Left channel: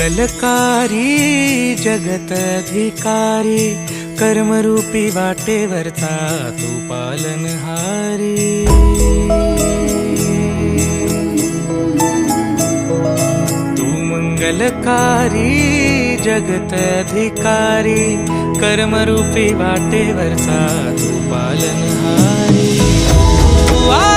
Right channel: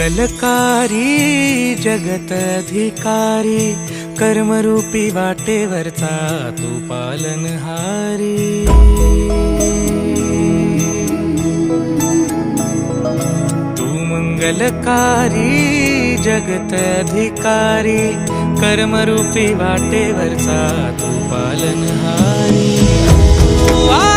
मंगलकारी जगत अधिकारी, कर्मरूपी वाटेवरचा तू पालनहारी। तू मंगलकारी जगत अधिकारी, कर्मरूपी वाटेवरचा तू पालनहारी। तू